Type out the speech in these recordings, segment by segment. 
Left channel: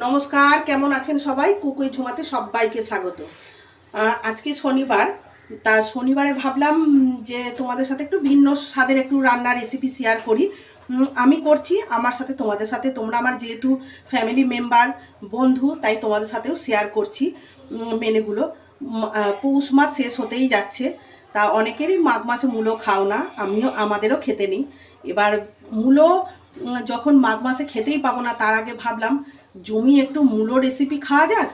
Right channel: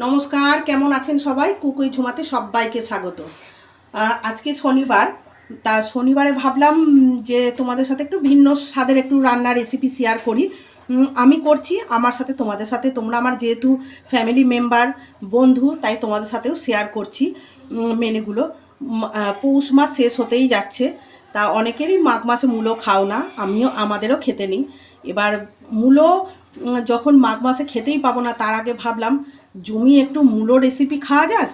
নমস্কার, কেমন আছেন সবাই? কুকুই ঝুমাতে সবাইকে স্বাগত। আজকে শনিবার, তা শনিবারে ভাবলাম যে তোমাদের সাথে একটু ভিন্ন স্বাদের একটু রান্নার রেসিপি শেয়ার করি। আমি করছি, আমার সাথে তোমাদের সাথে, তোমরা আমার যেহেতু ফ্যামিলি মেম্বার, বন্ধু, তাই তোমাদের সাথেও শেয়ার করছি মেনুগুলো। পৌষ মাস শেষ হতেই যাচ্ছে, তা অনেকেরই মাঘ মাসে মূলো খাও না, আমাদেরও খেতে নেই। এবার মূলো যখন মাঘ মাসে খেতেই পাবো না, তার আগে ভাবলাম জমি একটু মূলো রেসিপি খাওয়া যাক।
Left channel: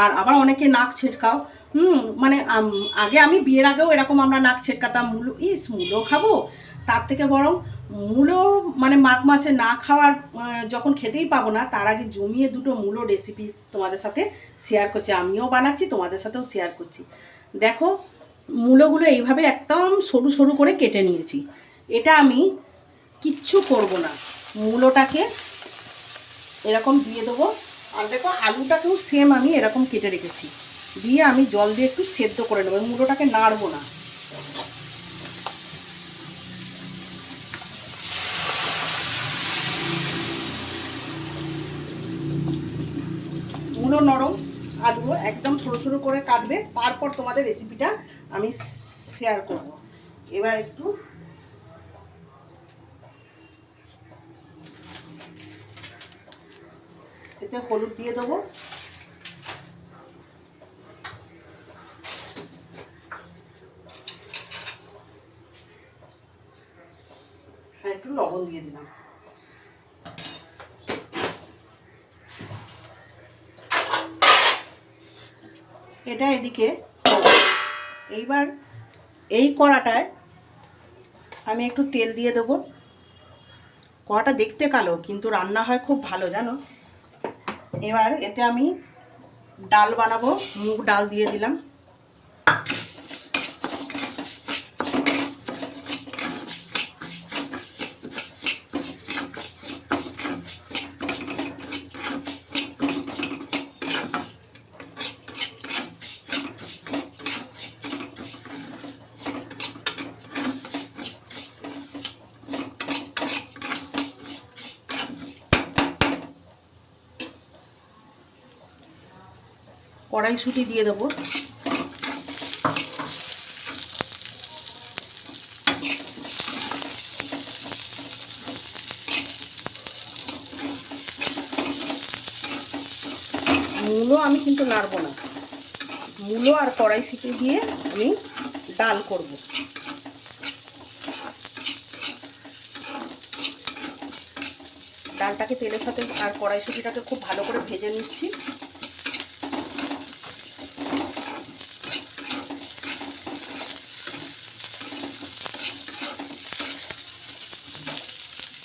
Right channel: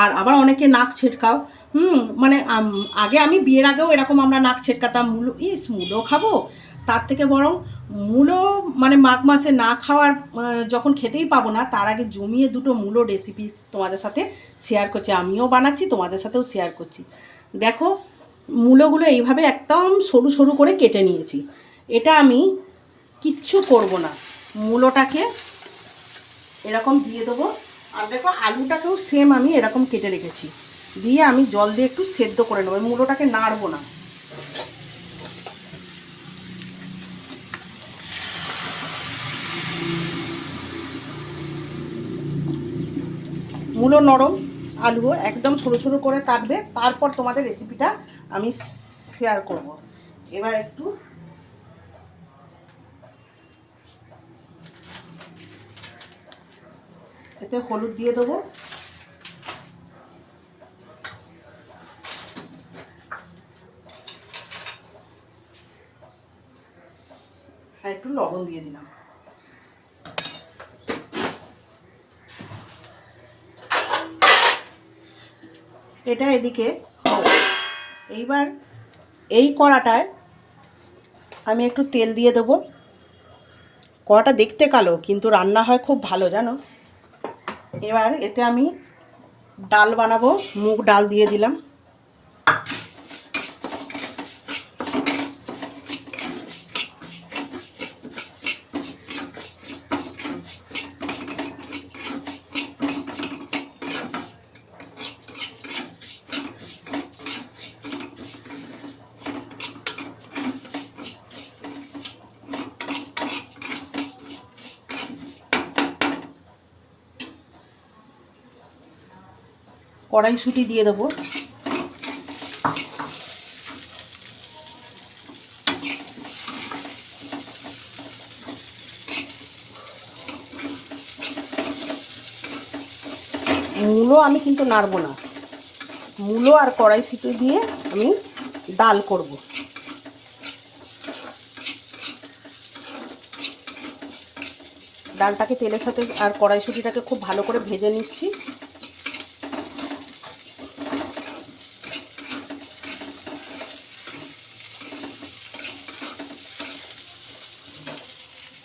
আর আবার অনেকে নাক ছেটকাও, মানে আগে আমি বিয়ের আগেও এরকম আমরা নাক ছেটকাতাম, মূলো খাবো। তার থেকে বরং মূলো মানে মাঘ মাসে না খাওয়ার, যখন খেতেই পাবো না, তার আগে জমিয়ে দুটো মূলো রেসিপি তোমাদের সাথে শেয়ার করছি। আমিও বানাচ্ছি, তোমাদের সাথেও শেয়ার করছি। দেখো, মূলোগুলো এইভাবে একদম সরু সরু করে কেটে নিয়েছি। এটা আমি কিচ্ছু করব না, মূলোটাকে এরকম দিয়ে দেবো। আর দেখো, আলুটাকেও সেম আমি এরকম কেটে রেখেছি, দিয়ে আমি জল দিয়ে একটু সেদ্ধ করে নেবো, মূলোটাকে নাড়বো না। মূলো নরম, আলুও একদম ছোটো ছোটো করে কাটবে, তারপর তোমাদের রেসিপিটা আমি শেয়ার করব। এবার একটু এতে হলুদ দিয়ে দেবো, আর একটু লবণ দিয়ে দিলাম। এটা এদিকে। এইবার এই কড়াটায় আমি একটু তেল দিয়ে দেবো। কড়াটা দেখতে কালো, কিন্তু রান্না হয় খুব ভালো, জানো। এবার এতে আমি ডাল বানাবো, মুগ ডাল দিয়ে দিলাম। কড়াইশুঁটি দিয়ে দেবো, মূলো আমি কিন্তু নাড়বো না, মূলো আর কড়াইশুঁটি দিয়ে আমি ডাল করব। ডালটাকে তেলের সাথে আর কড়াইশুঁটিটাকে খুব ভালো করে ভেজে নিচ্ছি।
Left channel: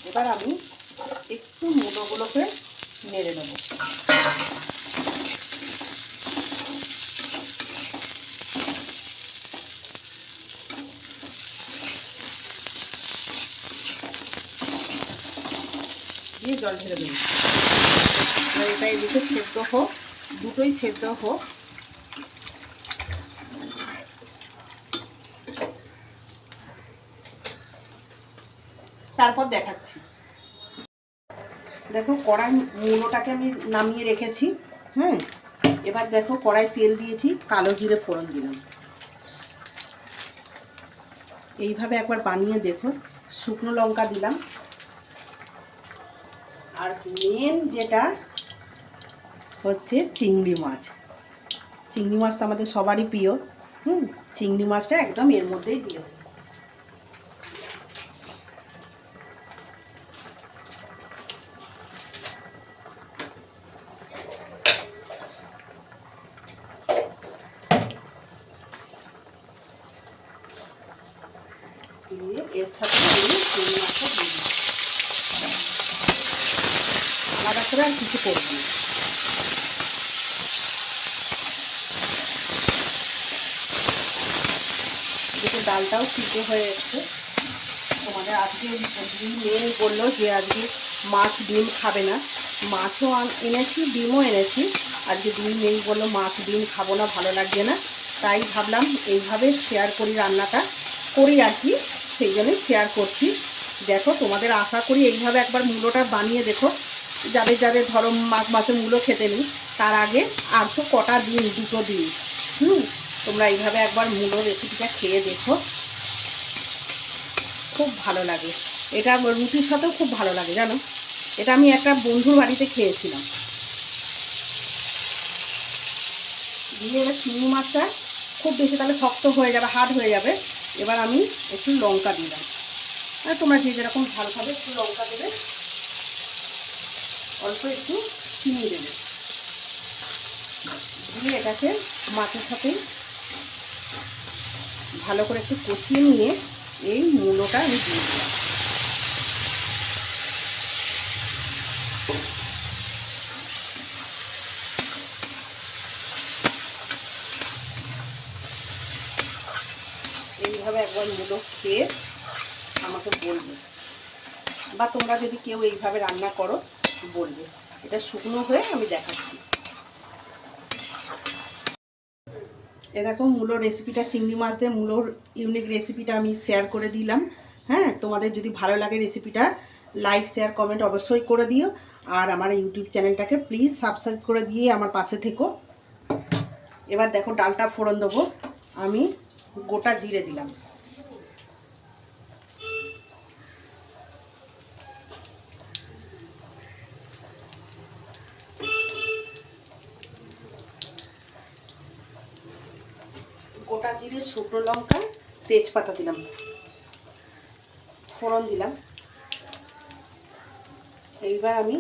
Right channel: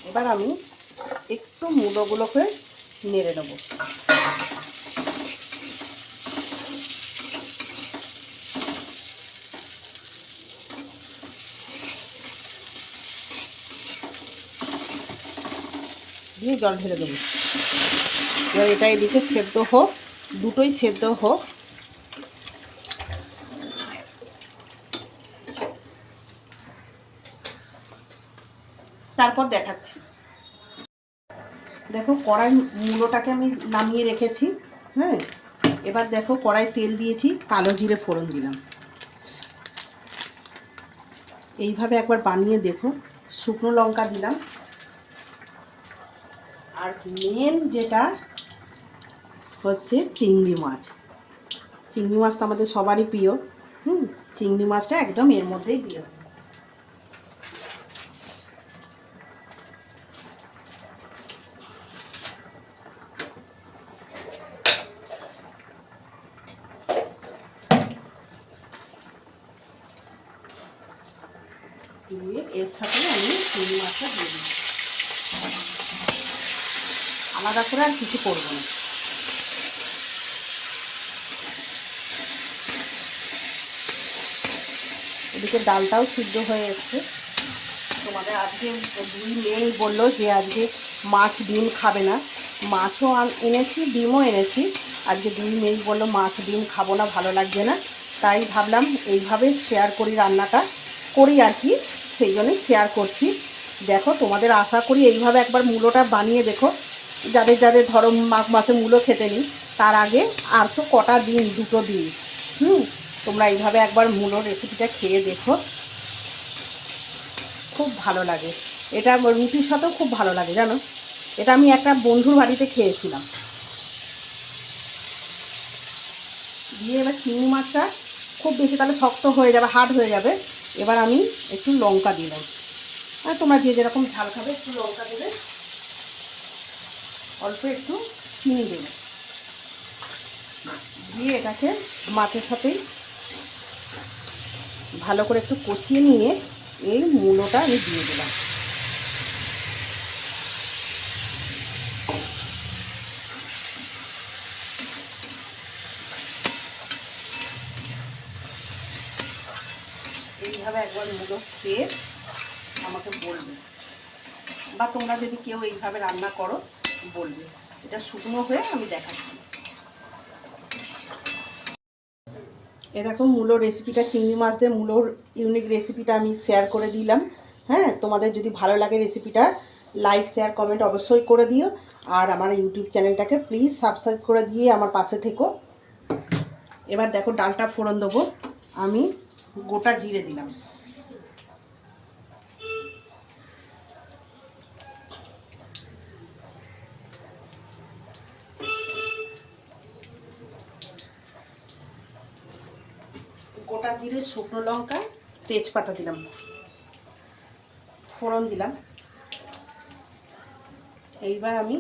এবার আমি একটু মূলোগুলোকে নেড়ে নেব। দিয়ে জল ঢেলে দেবো। এবার এটা এদিকে সেদ্ধ হোক, দুটোই সেদ্ধ হোক। তারপর দেখাচ্ছি। দেখো, কড়াই মূলোটাকে আমি নামিয়ে রেখেছি। হ্যাঁ, এবার দেখো, কড়াই তেল দিয়েছি, কালো জিরে ফোড়ন দিলাম। এইভাবে একবার বানিয়ে দেখো। শুকনো লঙ্কা দিলাম। আর মেন যেটা হচ্ছে চিংড়ি মাছ। চিংড়ি মাছ তো আমাদের সবারই প্রিয়। চিংড়ি মাছটা একদম এর মধ্যেই দিয়ে দেবো। দিয়ে এর সাথে আমি চিংড়ি মাছটা দিয়ে দিই। আলাদা করে আর কিছু করবো না। এদিকে ডালটাও সিদ্ধ হয়ে এসছে। তোমাদের আজকে দুই মেয়ে বললো যে আজকে মাছ ডিম খাবে না। মাছও এনেছি, ডিমও এনেছি। আজকে দুই মেয়ে বললো মাছ ডিম খাবো না, ভালো লাগছে না। তাই ভাবলাম এইভাবে শেয়ার করি, রান্নাটা করি আর কি, সেই জন্যই শেয়ার করছি। দেখো, তোমাদের আশা করি এইভাবে একবার মূলোটা বানিয়ে দেখো, যাদের যাদের ধরো মাঘ মাসে মূলো খেতে নেই, তার আগে আর তো কটা দিন, 2টো দিন। তোমরা এইভাবে একবার মূলোর রেসিপিটা খেয়ে দেখো, খুব ভালো লাগে। এটা রুটির সাথেও খুব ভালো লাগে জানো। এটা আমি একটা বন্ধুর বাড়িতে খেয়েছিলাম। দিয়ে এবার চিংড়ি মাছটা খুব বেশি তাহলে শক্ত হয়ে যাবে, হার্ড হয়ে যাবে। এবার আমি একটু লঙ্কা দিলাম, আর তোমরা যে যেরকম ঝাল খাবে একটু লঙ্কা দেবে, অল্প একটু চিনি দেবে, দিয়ে এটাকে মাছের সাথেই ভালো করে একটু কষিয়ে নিয়ে এই মূলোটা আমি দিয়ে দিলাম। এইভাবে একবার মূলো খেয়ে আমাকে বলবে, বা তোমরা যদি কেউ এইভাবে রান্না করো বলবে। এটা শুকনো হয়ে আমি দেখাচ্ছি। এ দেখো মূলোর রেসিপিটা, চিংড়ি মাছ দিয়ে মূলোর ইউনিক রেসিপিটা আমি শেয়ার করে দিলাম। হ্যাঁ, তোমাদের যদি ভালো লাগে রেসিপিটা, লাইক শেয়ার কমেন্ট অবশ্যই করে দিও। আর আমার ইউটিউব চ্যানেলটাকে প্লিজ সাবস্ক্রাইব করে দিয়ে আমার পাশে থেকো। এবার দেখো ডালটা ফোড়ন দেবো। আমি গোটা জিরে দিলাম, গোটা জিরে, শুকনো লঙ্কা, তেজপাতা দিলাম, ফোড়ন দিলাম। এইবার আমি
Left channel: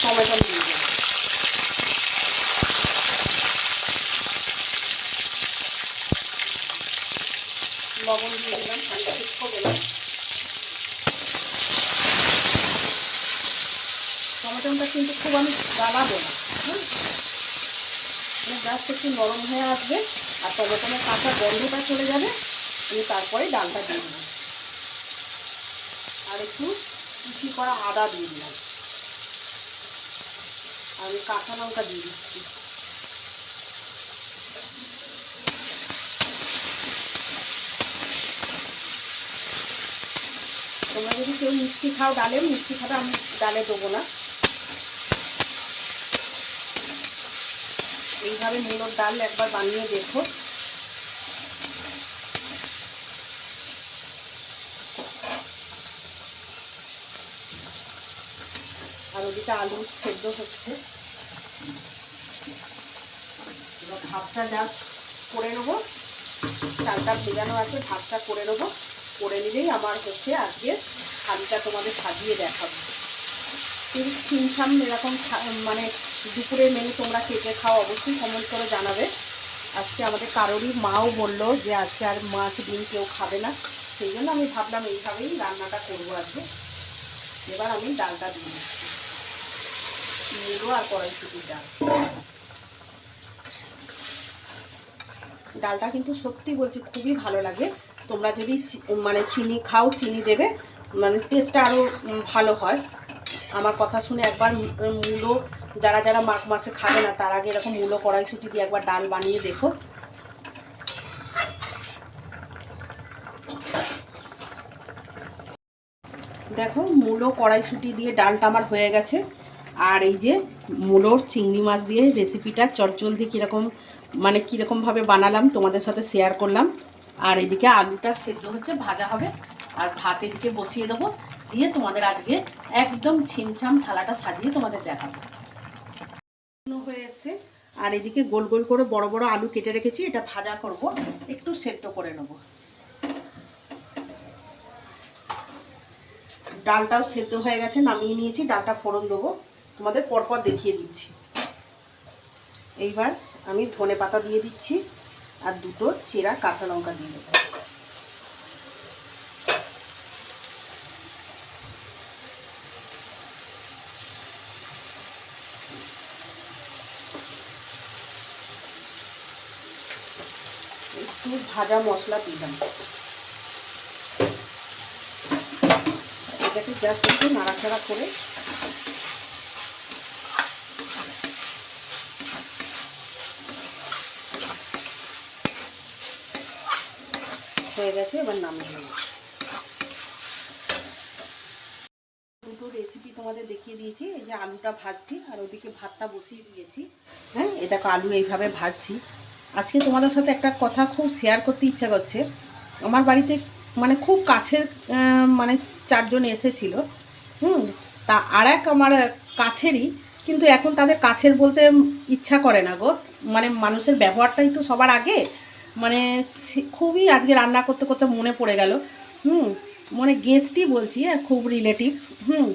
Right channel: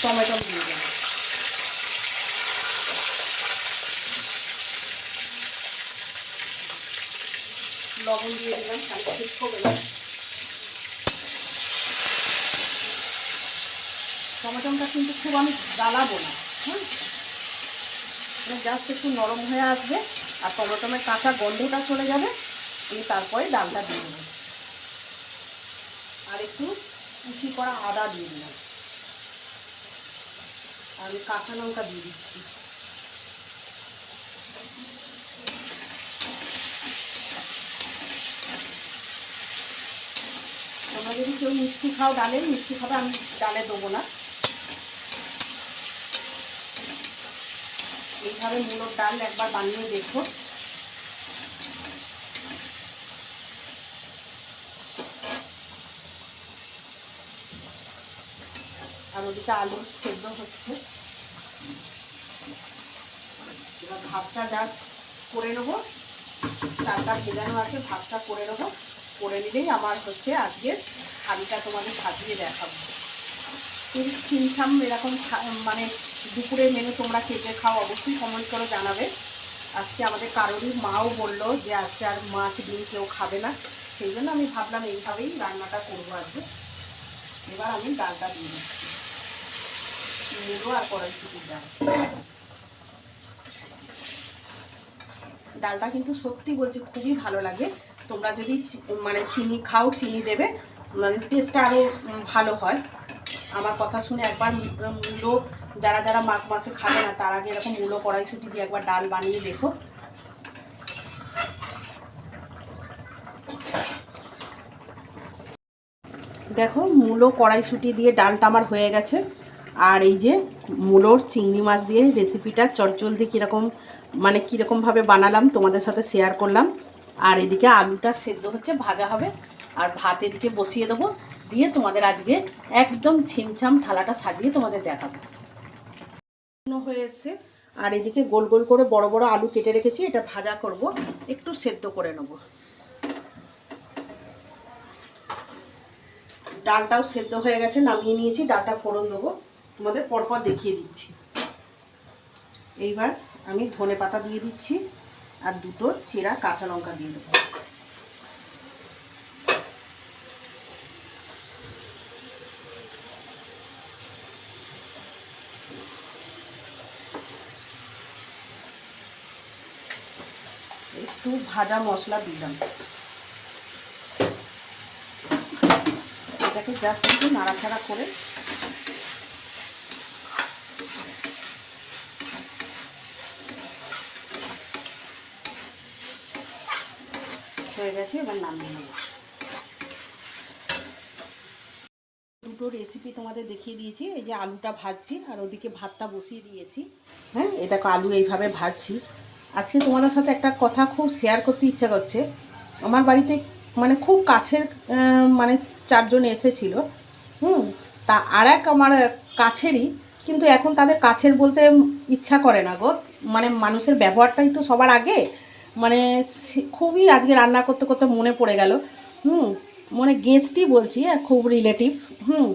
টমেটো দিয়ে দিলাম, লবণ দিয়ে দিলাম, খানিকটা শুকনো দিলাম। টমেটোটা কিন্তু খুব আমি গালাবো না, হ্যাঁ, জাস্ট একটু নরম হয়ে আসবে আর টমেটোমের কাঁচা গন্ধটা চলে যাবে, আমি তারপরে ডালটা দিয়ে দেবো। আর একটু কুচি করা আদা দিয়ে দিলাম, আর আমি কাঁচা লঙ্কা দিয়ে দিচ্ছি। তোমরা যদি কেউ মিষ্টি খাও ডালে, মিষ্টি খাবে, আমি ডালে দেবো না। এইভাবে মূলোর ডাল একবার বানিয়ে দেখো। আর ওদিকে আলু সেদ্ধ হচ্ছে। এবার ভাতটা যা করে নেবো, চালটা ভেজানো আছে, ভাতটা করে নেবো। করে নিলেই আমার হচ্ছে আজকে থালিটা তোমাদের সাজিয়ে দেখাবো। কিন্তু ছিমছাম এরকম মানে দুপুরের মেনু তোমরা কে কে খাও অবশ্যই কমেন্ট করে জানাবে। আজকে আমাদের কারোরই মাও বললো যে আজকে আর মাছ ডিম কেউ খাবে না, সেই জন্য আমি ভাবলাম এইভাবেই রান্নাটা করবো আজকে। এবার আমি ডালটা দিয়ে দিচ্ছি, মূলো আর কড়াইশুঁটির ডাল। ডালটা কিন্তু সত্যি বলছি খুবই ভালো লাগে। তোমরা যদি মানে চিনি খাও, চিনি দেবে, মানে টেস্টটা আরও ভালো হয়। আমার কথা শুনে একবার মূলো যারা যারা মাঘ মাসে খাবে না, তার আগে এরকম মূলো কড়াইশুঁটি দিয়ে একবার ডাল বানিয়ে দেখো। দেখো মূলো কড়াইশুঁটি দিয়ে ডালটা আমার হয়ে গেছে। আর এই যে মূলোর চিংড়ি মাছ দিয়ে রেসিপিটা চটজলদি কীরকম মানে কীরকমভাবে বানালাম তোমাদের সাথে শেয়ার করলাম। আর এদিকে আলুটা সেদ্ধ হচ্ছে, ভাজা হবে। আর ভাত এদিকে বসিয়ে দেবো, দিয়ে তোমাদের আজকে একদম ছিমছাম থালাটা সাজিয়ে তোমাদের দেখাবো। হয়ে এসছে। আর এদিকে গোল গোল করে বড় বড় আলু কেটে রেখেছি, এটা ভাজা করব, একটু সেদ্ধ করে নেব। ডালটাও সেদ্ধ হয়ে গেছে, নামিয়ে নিয়েছি। ডালটা ফোড়ন দেবো, তোমাদের পরপর দেখিয়ে দিচ্ছি। এইবার আমি ধনে পাতা দিয়ে দিচ্ছি, আর 2টো চেরা কাঁচা লঙ্কা দিয়ে দেবো। একটু ভাজা মশলা দিলাম, এটাকে জাস্ট একটু নাড়াচাড়া করে হয়ে গেছে। এবার নামিয়ে নেব। দুটো রেসিপি তোমাদের দেখিয়ে দিয়েছি। এই যে আলুটা ভাজছি আর ওদিকে ভাতটা বসিয়ে দিয়েছি। হ্যাঁ, এই দেখো আলু এইভাবে ভাজছি। আজকে তোমাদের সাথে একটা কথা খুব শেয়ার করতে ইচ্ছা করছে। আমার বাড়িতে মানে খুব কাছের মানে 4 জন এসেছিল। তা আর এক আমার কাছেরই, কিন্তু এখন তাদের কাছের বলতে ইচ্ছা করে না গো। মানে মানুষের ব্যবহারটাই তো সবার আগে। মানে খুবই আজকে রান্না করতে করতে মনে পড়ে গেল। মানে গেস্টই বলছি, খুব রিলেটিভ। হুম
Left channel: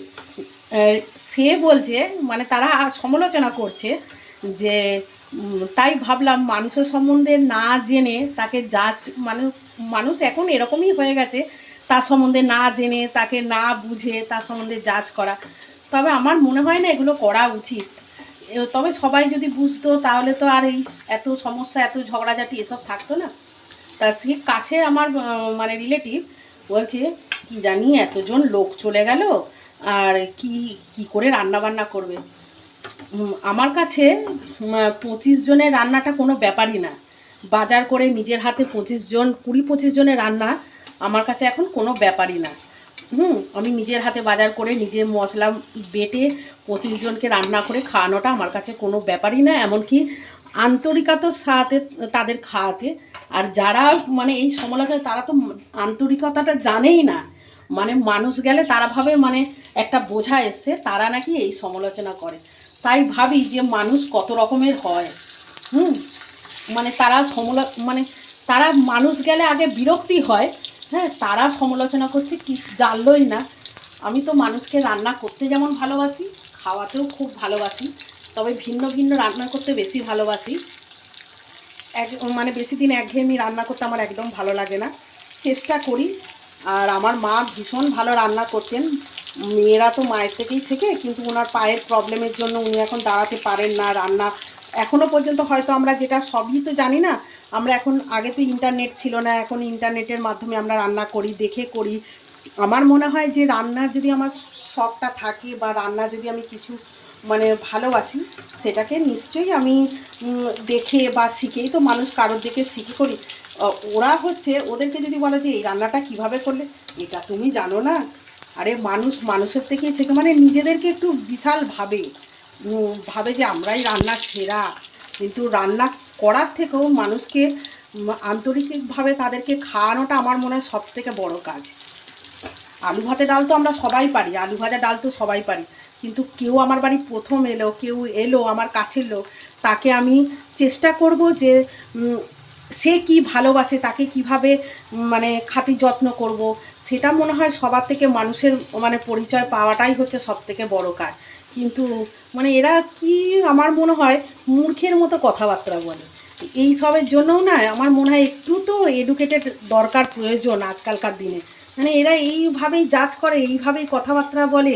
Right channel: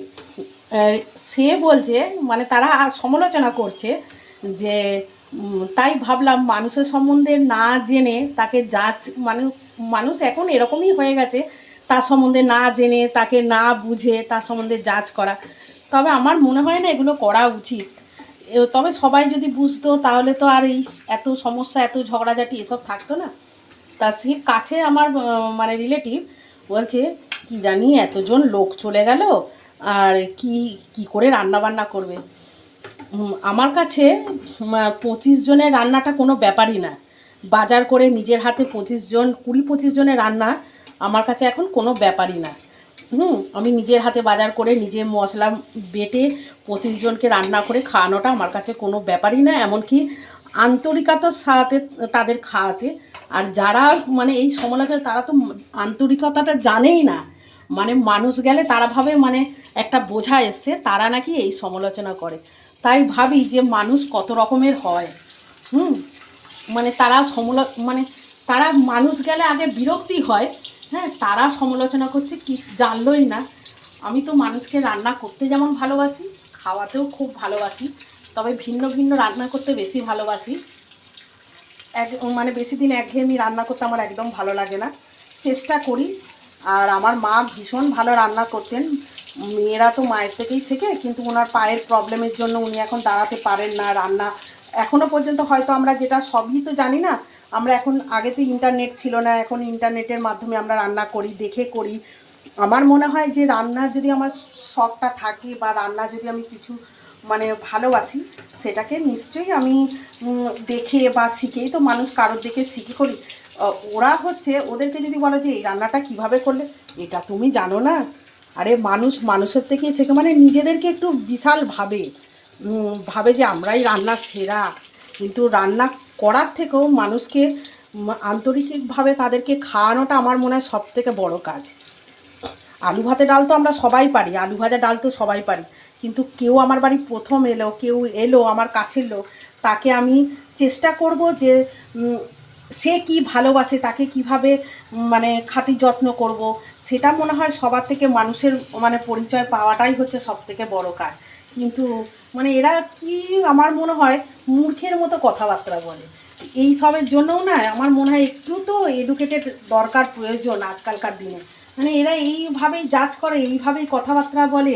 সে বলছে, মানে তারা সমালোচনা করছে যে তাই ভাবলাম মানুষের সম্বন্ধে না জেনে তাকে মানে মানুষ এখন এরকমই হয়ে গেছে, তার সম্বন্ধে না জেনে তাকে না বুঝে তার সম্বন্ধে জাজ করা। তবে আমার মনে হয় না এগুলো করা উচিত। তবে সবাই যদি বুঝতো তাহলে তো আর এই এত সমস্যা, এত ঝগড়াঝাটি এসব থাকতো না। তা সে কাছে আমার মানে রিলেটিভ বলছে, কি জানি এতজন লোক চলে গেল, আর কি কি করে রান্না বান্না করবে। আমার কাছে 25 জনের রান্নাটা কোনো ব্যাপারই না। বাজার করে নিজের হাতে 20-25 জনের রান্না আমার কাছে এখন কোনো ব্যাপারই না। আমি নিজের হাতে বাজার করে নিজে মশলা বেটে 25 জনকে রান্না করে খাওয়ানোটা আমার কাছে কোনো ব্যাপারই না। এমনকি আন্তরিকতার সাথে তাদের খাওয়াতে। আর যারা মানে এই সমালোচনা, তারা তো আন্তরিকতাটা জানেই না। মানে মানুষ গেলে তারা ভাবে মানে একটা বোঝা এসছে, তারা নাকি এই সমালোচনা করে। তাই ভাবি যে মানুষ কত রকমের হয়। মানে তারা মানে তারা মানুষ গেলে আগে বিরক্তি হয়। হ্যাঁ, তারা সমালোচনা করছে কি জানলই না। আমি তো মানুষকে রান্না করতে যেমন ভালোবাসি, খাওয়াতেও খুব ভালোবাসি। তবে ভিন্ন ভিন্ন রান্না করতে বেশি ভালোবাসি। মানে বেশি দিন একঘেয়েমি রান্না করতে আমার একদম ভালো লাগে না। চেষ্টা করি। আর আমার মা ভীষণ ভালো রান্না করতেন। মেয়েরা তো মায়ের থেকেই শেখে, কিন্তু ওনার পায়ের প্রবলেমের জন্য উনি এখন দাঁড়াতে পারেন না। রান্না এখনও পর্যন্ত হয়তো আমরা যেটা সবই তো জানি না। আমরা এখন, আগে তো ইন্টারনেট ছিল না, এখন ইন্টারনেটের মাধ্যমে আমরা রান্না করি, দেখে করি। আমার মনে হয় যে রান্নার যদি আমার শখটা থাকে বা রান্না যদি আমি কিছু মানে ভালোবাসি, সেটাকে নিশ্চয়ই আমি দেখে বা শিখেই তো মানুষ কারোর দেখে শিখে করি। ওরা হচ্ছে, ওদেরকে যদি বলো যে এই রান্নাটা কিভাবে করলে, এটা তুমি জানো না। আরে মানুষ মানুষের থেকেই শেখে। মানে নিজেদেরকে একটু বিশাল ভাবে যে আমরাই রান্নার সেরা। কিন্তু রান্না করার থেকেও মানুষকে আন্তরিকভাবে তাদেরকে খাওয়ানোটা আমার মনে হয় সবথেকে বড় কাজ। আলু ভাতে ডাল তো আমরা সবাই পারি, আলু ভাজা ডাল তো সবাই পারি। কিন্তু কেউ আমার বাড়ি প্রথম এলো, কেউ এলো আমার কাছের লোক, তাকে আমি চেষ্টা করব যে সে কি ভালোবাসে, তাকে কিভাবে মানে খাতির যত্ন করব। সেটা মনে হয় সবার থেকে মানুষের মানে পরিচয় পাওয়াটাই হচ্ছে সবথেকে বড় কাজ। কিন্তু মানে এরা কি, আমার মনে হয় মূর্খের মতো কথাবার্তা বলে। এই সবের জন্যও না আমার মনে হয় একটু তো এডুকেটেড দরকার, প্রয়োজন আজকালকার দিনে। মানে এরা এইভাবেই জাজ করে, এইভাবেই কথাবার্তা বলে।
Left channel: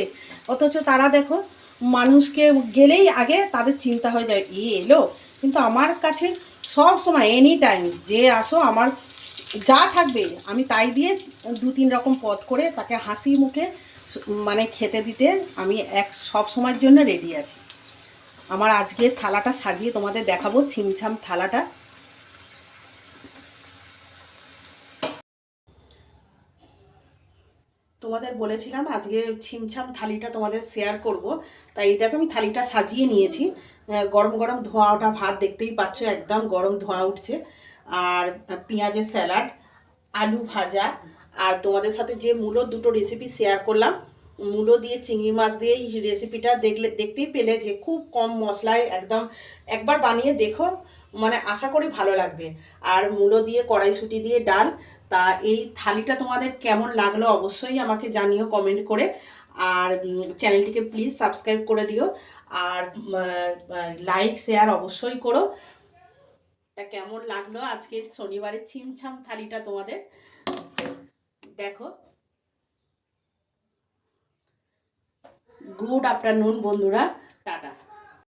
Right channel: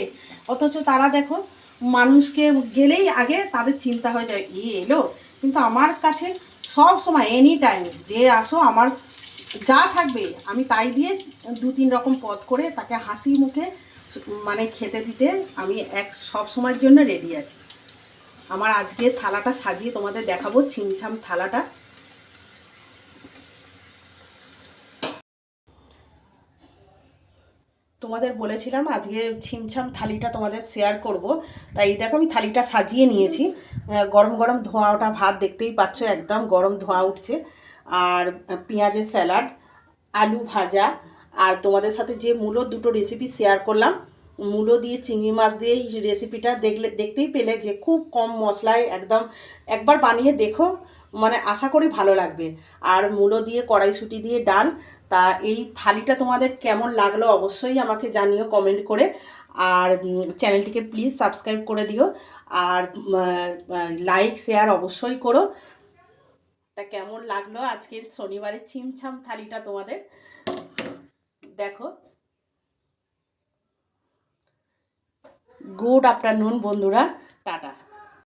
অথচ তারা দেখো, মানুষকে গেলেই আগে তাদের চিন্তা হয়ে যায় এলো। কিন্তু আমার কাছে সব সময় এনি টাইম যে আসো, আমার যা থাকবে আমি তাই দিয়ে 2-3 রকম পদ করে তাকে হাসি মুখে মানে খেতে দিতে আমি সব সময়ের জন্য রেডি আছি। আমার আজকে থালাটা সাজিয়ে তোমাদের দেখাবো, ছিমছাম থালাটা। তোমাদের বলেছিলাম আজকে ছিমছাম থালিটা তোমাদের শেয়ার করব। তাই দেখো আমি থালিটা সাজিয়ে নিয়েছি। গরম গরম ধোঁয়া ওঠা ভাত দেখতেই পাচ্ছ, একদম গরম ধোঁয়া উঠছে। আর পেঁয়াজের স্যালাড, আলু ভাজা, আর তোমাদের সাথে যে মূলোর দুটো রেসিপি শেয়ার করলাম, মূলো দিয়ে চিংড়ি মাছ দিয়ে এই রেসিপিটা দেখতেই পেলে যে খুব কম মশলায় একদম। একবার বানিয়ে দেখো, মানে আশা করি ভালো লাগবে। আর মূলো দিয়ে কড়াইশুঁটি দিয়ে ডাল। তা এই থালিটা তোমাদের কেমন লাগলো অবশ্যই আমাকে জানিও কমেন্ট করে। আর চ্যানেলটিকে প্লিজ সাবস্ক্রাইব করে দিও। আর লাইক শেয়ার অবশ্যই করো। তা কেমন লাগলো আজকের শনিবারের ছিমছাম থালিটা তোমাদের, দেখো। গুড আফটারনুন বন্ধুরা, টাটা।